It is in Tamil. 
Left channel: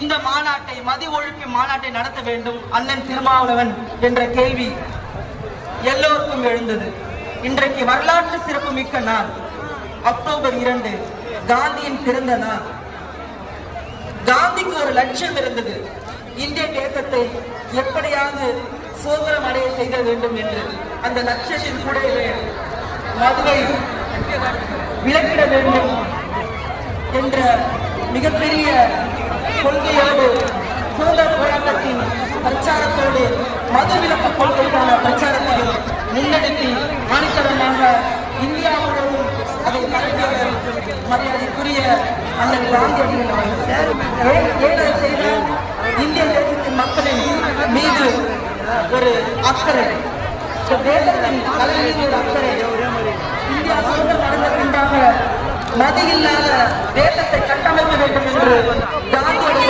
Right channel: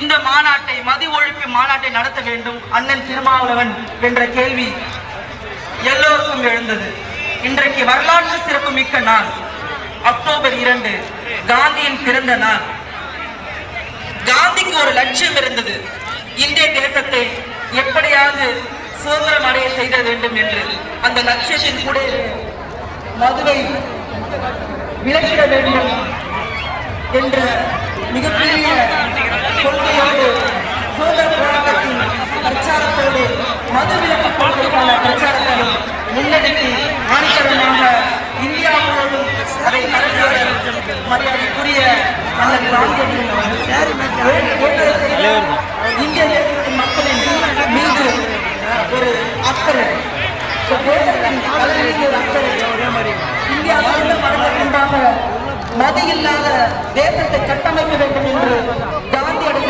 இந்த மாநாட்டை, மது ஒழிப்பு மாநாட்டை நடத்த வேண்டும் அண்ணன் திருமாவளவன் என்ற கேள்வி எல்லோருக்கும் எழுந்தது. இன்றைக்கு வரலாற்று சிறப்பு மிக்க நாள், அக்டோபர் 2, காந்தியின் பிறந்த நாள். காந்திக்கு ஒரு லட்சியம் இருந்தது, இந்திய தேசத்தை எப்படியாவது சுதந்திரம் அடைய செய்த வேண்டும் என்று. அந்த லட்சியத்தின் கூட மதுவை விலக்கிட வேண்டும் என்ற மிகப்பெரிய கொள்கையோடு சுதந்திர போராட்டத்தின் பிரச்சாரத்தோடு மது விலக்கு கொள்கைக்கான பிரச்சாரத்தையும் முன்னெடுத்து ஆணித்தரமாக இந்தியாவோடும் அதை மரியாதைக்குரிய இந்திய தேசத்தின் மக்களின் மீது ஒரு அக்கறை, தேசத்தின் தலைமையில் ஒரு அக்கறை. இந்தியா சுதந்திரம் அடைந்த பின்பாக மது இல்லாத தேசத்தை கட்டமைக்க வேண்டும் என்று காந்தியுடைய